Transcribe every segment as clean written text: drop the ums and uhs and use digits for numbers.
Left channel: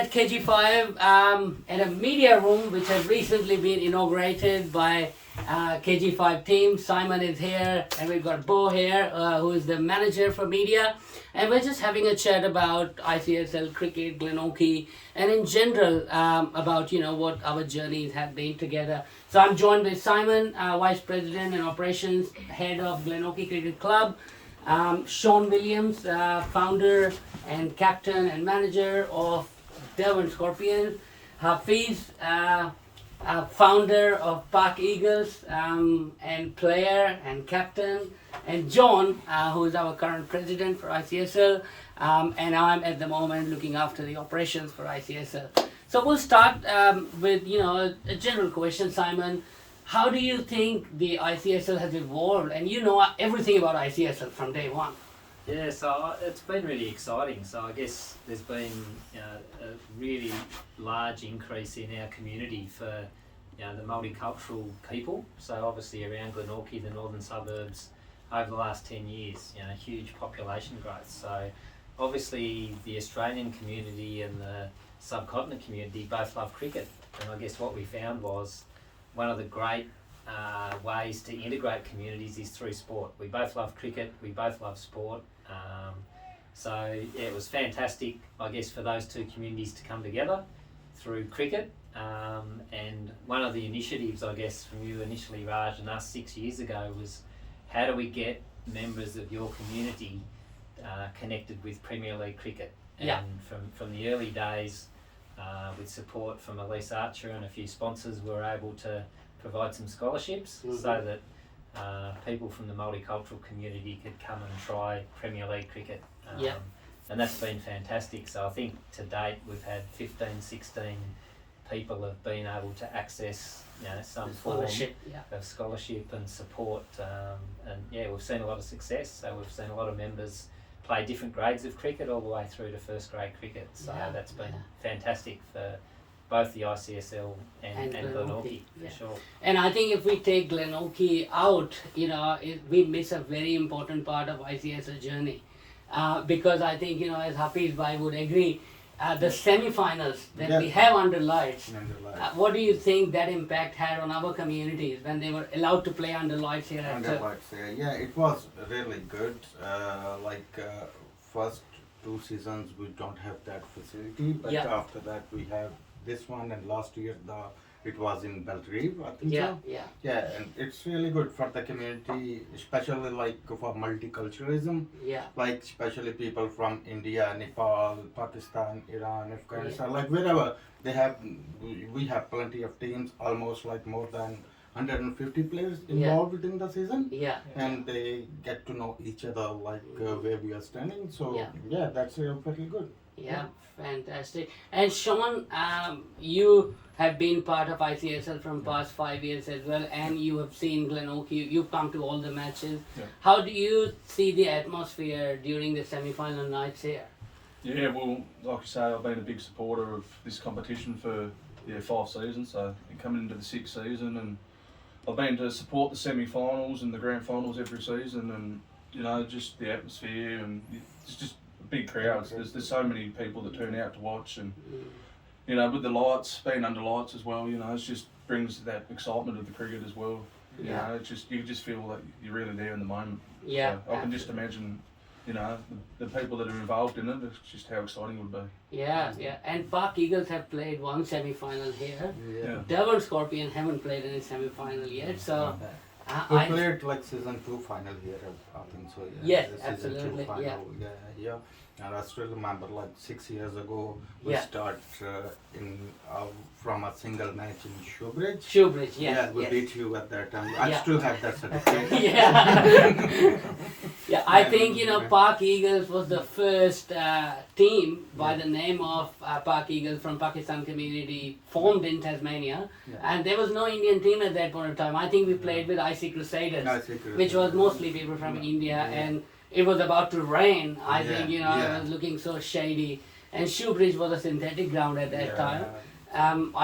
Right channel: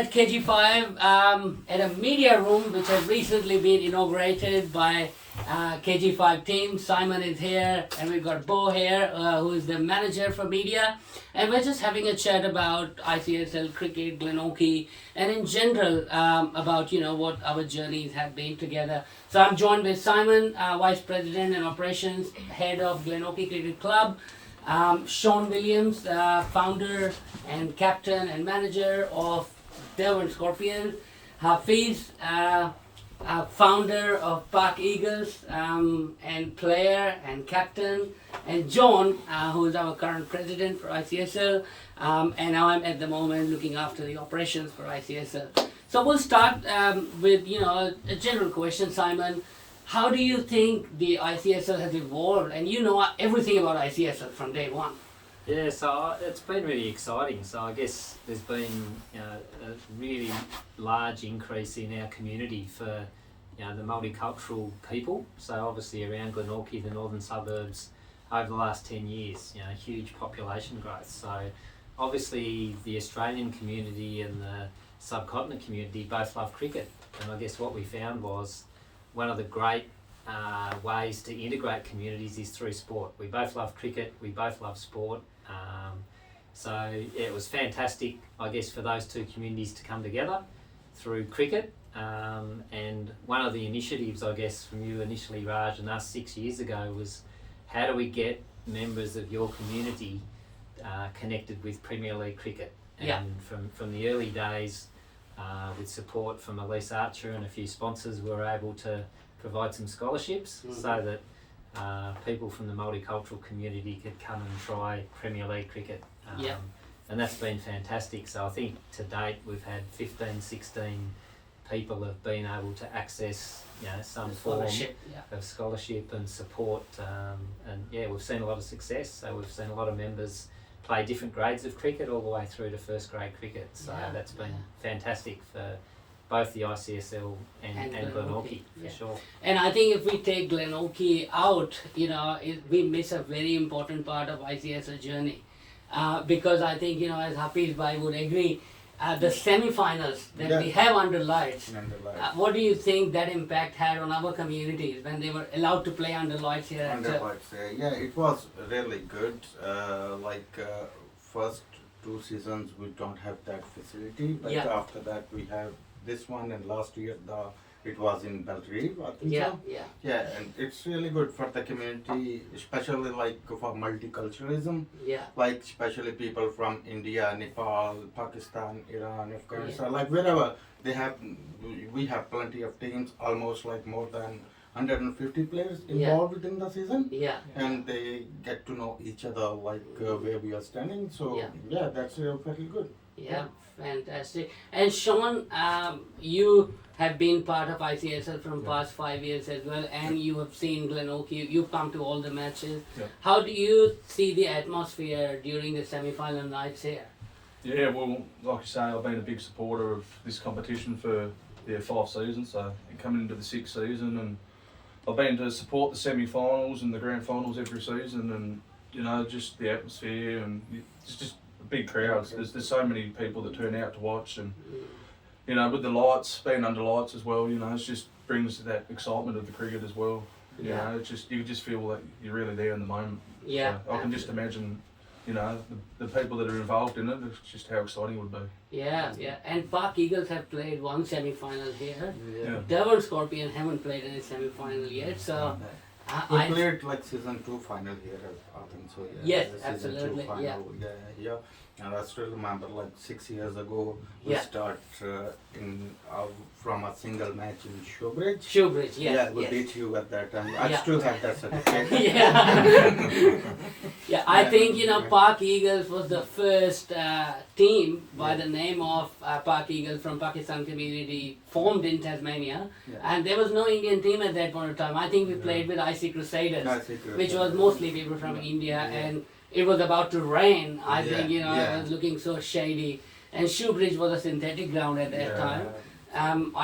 at KG5 at a media room which has recently been inaugurated by KG5 team. Simon is here, and we've got Bo here, who is the manager for media. And we're just having a chat about ICSL cricket, Glenorchy, and in general about what our journeys have been together. So I'm joined with Simon, Vice President and Operations Head of Glenorchy Cricket Club. Sean Williams, founder and captain and manager of Devon Scorpions. Hafiz, founder of Park Eagles and player and captain. And John, who is our current president for ICSL. And I'm at the moment looking after the operations for ICSL. So we'll start with a general question, Simon. How do you think the ICSL has evolved? And you know everything about ICSL from day one. Yeah, so it's been really exciting. So I guess there's been a really large increase in our community for the multicultural people. So obviously around Glenorchy, the northern suburbs, over the last 10 years, huge population growth. So obviously the Australian community and the subcontinent community both love cricket. And I guess what we found was one of the great ways to integrate communities is through sport. We both love cricket, we both love sport. It was fantastic, I guess, for those two communities to come together through cricket. And one of the initiatives, I guess, from you initially, Raj, and us 6 years ago was how do we get members of your community connected with Premier League cricket? And from the early days, with support from Elise Archer and a few sponsors, we were able to provide some scholarships so that people from the multicultural community could come and try Premier League cricket. And that's been fantastic. So I think to date we've had 15, 16 people have been able to access some form of scholarship and support. We've seen a lot of success. So we've seen a lot of members play different grades of cricket all the way through to first grade cricket. So that's been fantastic for both the ICSL and Glenorchy, for sure. And I think if we take Glenorchy out, we miss a very important part of ICSL journey. Because I think, as Hafiz Bhai would agree, the semi-finals that we have under lights, what do you think that impact had on our communities when they were allowed to play under lights here? Under lights, it was really good. First 2 seasons we don't have that facility, but after that we have this one, and last year it was in Belgrave, I think so. And it's really good for the community, especially for multiculturalism. Especially people from India, Nepal, Pakistan, Iran, Afghanistan, wherever we have plenty of teams, almost more than 150 players involved within the season. And they get to know each other where we are standing. So that's very good. Fantastic. And Sean, you have been part of ICSL from past 5 years as well, and you have seen Glenorchy. You've come to all the matches. How do you see the atmosphere during the semi-final nights here? Yeah, well, like you say, I've been a big supporter of this competition for 5 seasons. So coming into the 6th season, and I've been to support the semi-finals and the grand finals every season, and just the atmosphere, and it's just big crowds. There's so many people that turn out to watch, and with the lights, being under lights as well, it just brings that excitement of the cricket as well. You just feel that you're really there in the moment. So I can just imagine the people that are involved in it. It's just how exciting it would be. And Park Eagles have played one semi-final here. Devon Scorpions haven't played any semi-final yet, so we played season 2 final here, I think so. Yes, season absolutely. 2 final, And I still remember 6 years ago we start from a single match in Showbridge. We beat you at that time. I still have that certificate. I think Park Eagles was the first team by the name of Park Eagles from Pakistan community formed in Tasmania, and there was no Indian team at that point of time. I think we played with Icsl Crusaders, which was mostly people from India, and it was about to rain. I think it was looking so shady, and Showbridge was a synthetic ground at that time.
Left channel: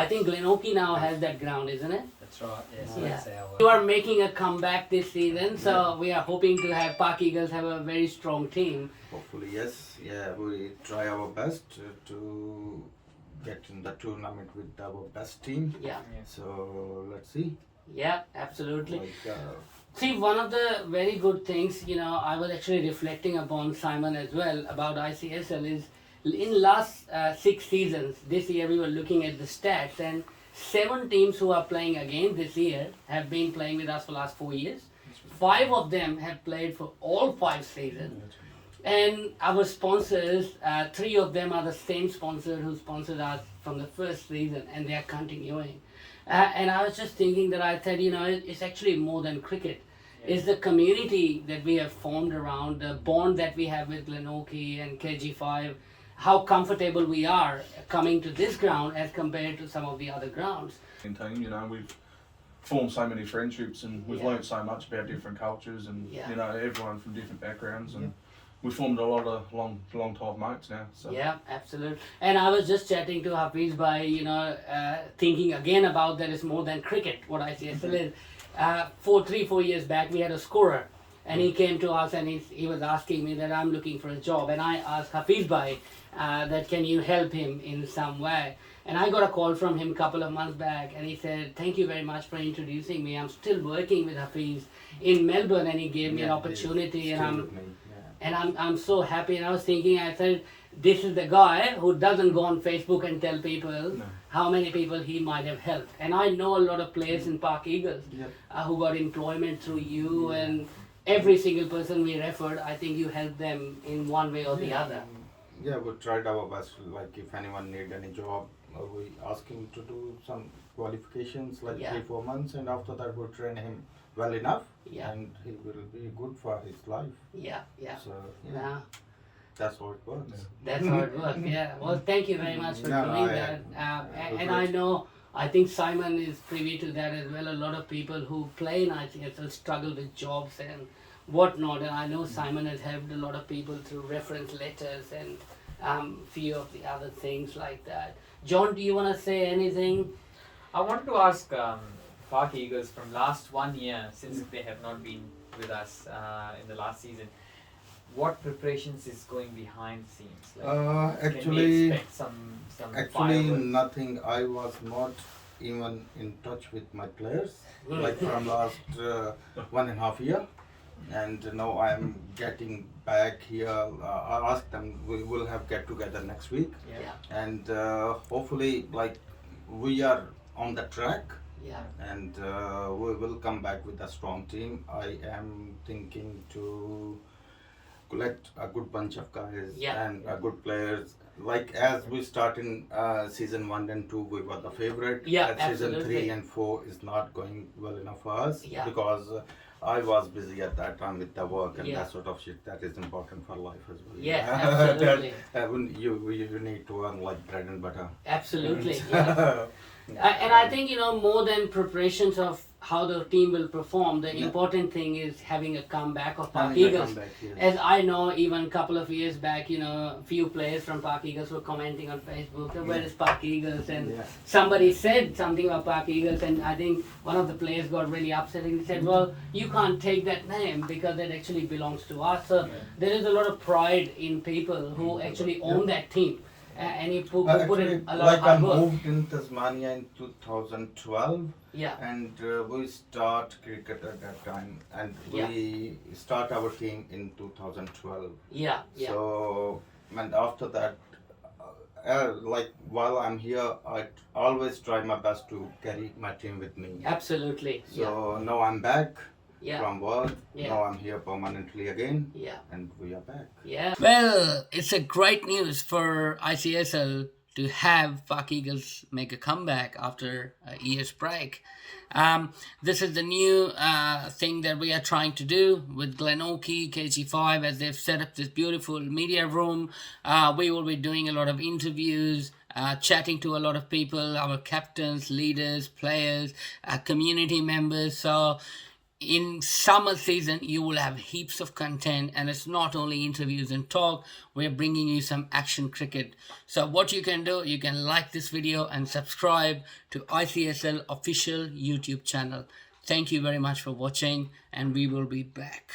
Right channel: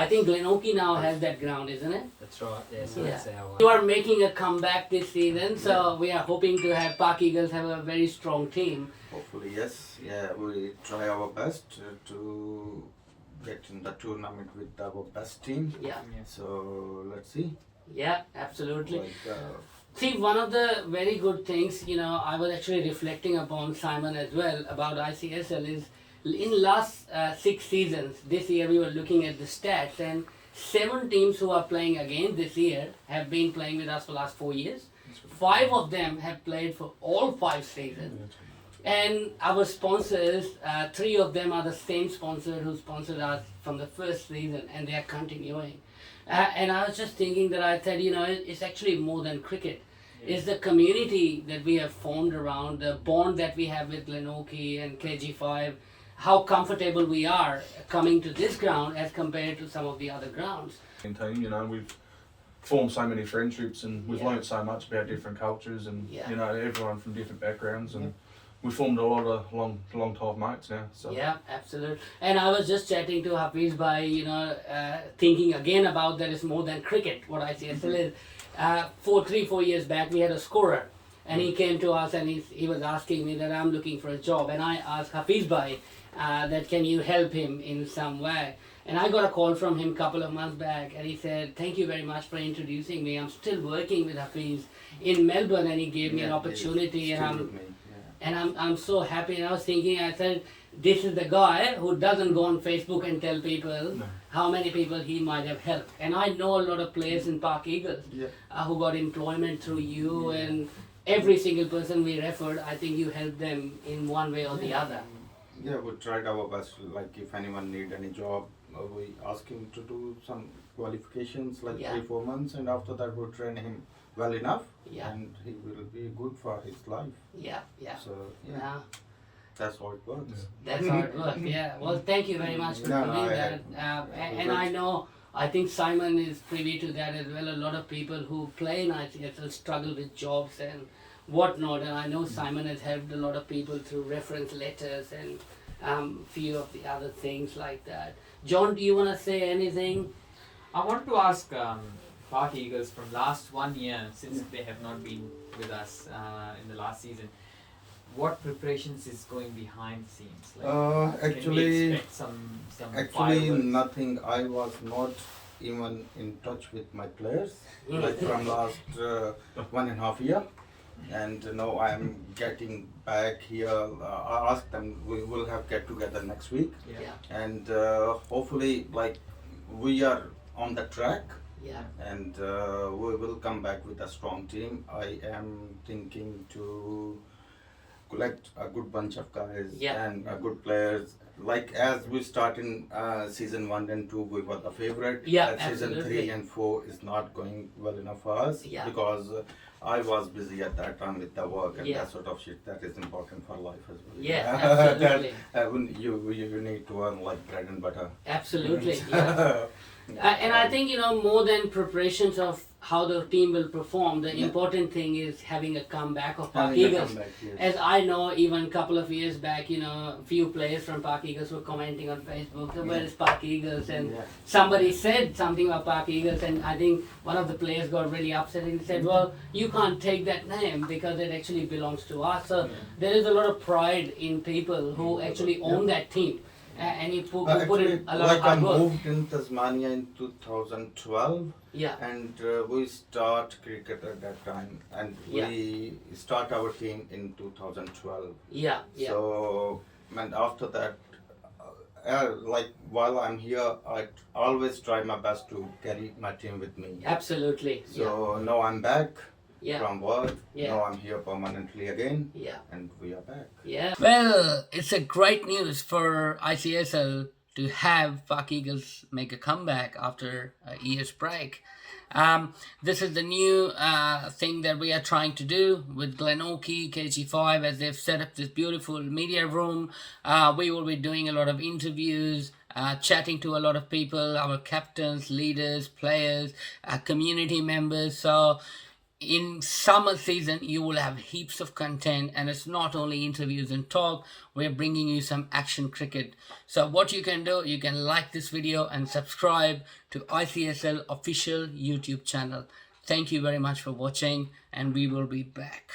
I think Glenorchy now has that ground, isn't it? That's right, that's our You are making a comeback this season, so we are hoping to have Park Eagles have a very strong team. Hopefully, yes. We try our best to get in the tournament with our best team. Yeah. So let's see. Yeah, absolutely. Like, See, one of the very good things, I was actually reflecting upon Simon as well about ICSL is in last 6 seasons, this year we were looking at the stats, and 7 teams who are playing again this year have been playing with us for last 4 years. 5 of them have played for all 5 seasons. And our sponsors, 3 of them are the same sponsor who sponsored us from the first season, and they are continuing. And I was just thinking that I said, it's actually more than cricket. It's the community that we have formed around, the bond that we have with Glenorchy and KG5, how comfortable we are coming to this ground as compared to some of the other grounds. Team, we've formed so many friendships, and we've learnt so much about different cultures, and everyone from different backgrounds, and we formed a lot of long time mates now. So. Yeah, absolutely. And I was just chatting to Hafiz by thinking again about that it's more than cricket. What ICSL is. 4 years back, we had a scorer, and he came to us and he was asking me that I'm looking for a job, and I asked Hafiz bhai that can you help him in some way. And I got a call from him a couple of months back, and he said, thank you very much for introducing me. I'm still working with Hafiz in Melbourne, and he gave me an opportunity, and I'm so happy. And I was thinking, I said, this is the guy who doesn't go on Facebook and tell people how many people he might have helped. And I know a lot of players in Park Eagles who got employment through you, and every single person we referred, I think you helped them in one way or the other. Yeah, we tried our best. Like if anyone need any job, we ask him to do some qualifications, like 3-4 months, and after that we train him well enough, and he will be good for his life. So that's how it works. That's how it works. Well, thank you very much for doing that. And I think Simon is privy to that as well. A lot of people who play in ICSL struggle with jobs and whatnot, and I know Simon has helped a lot of people through reference letters and few of the other things like that. John, do you want to say anything? I wanted to ask Park Eagles from last 1 year, since they have not been with us in the last season, what preparations is going behind the scenes? Like, Actually, can we expect some actually fireworks? nothing. I was not even in touch with my players, like from last 1.5 year, and now I am getting back here. I asked them we will have get together next week, and hopefully like we are on the track. And we will come back with a strong team. I am thinking to collect a good bunch of guys and good players. Like as we start in season 1 and 2, we were the favorite. Season 3 and 4 is not going well enough for us because I was busy at that time with the work and that sort of shit that is important for life as well. Absolutely. You need to earn like bread and butter. Absolutely. And I think, more than preparations of how the team will perform, the important thing is having a comeback of Park Eagles. As I know, even a couple of years back, few players from Park Eagles were commenting on Facebook, where is Park Eagles? And somebody said something about Park Eagles, and I think one of the players got really upset and he said, well, you can't take that name because it actually belongs to us. So there is a lot of pride in people who actually own that team. And he put in a lot of hard work. I moved in Tasmania in 2012, and we start cricket at that time, and we start our team in 2012. So, and after that, like while I'm here, I always try my best to carry my team with me. Absolutely. So now I'm back. From work. Now I'm here permanently again. And we are back. Well, it's a great news for ICSL to have Park Eagles make a comeback after a year's break. This is the new thing that we are trying to do with Glenorchy, KG5, as they've set up this beautiful media room. We will be doing a lot of interviews, chatting to a lot of people, our captains, leaders, players, community members. So in summer season, you will have heaps of content, and it's not only interviews and talk. We're bringing you some action cricket. So what you can do, you can like this video and subscribe to ICSL official YouTube channel. Thank you very much for watching, and we will be back.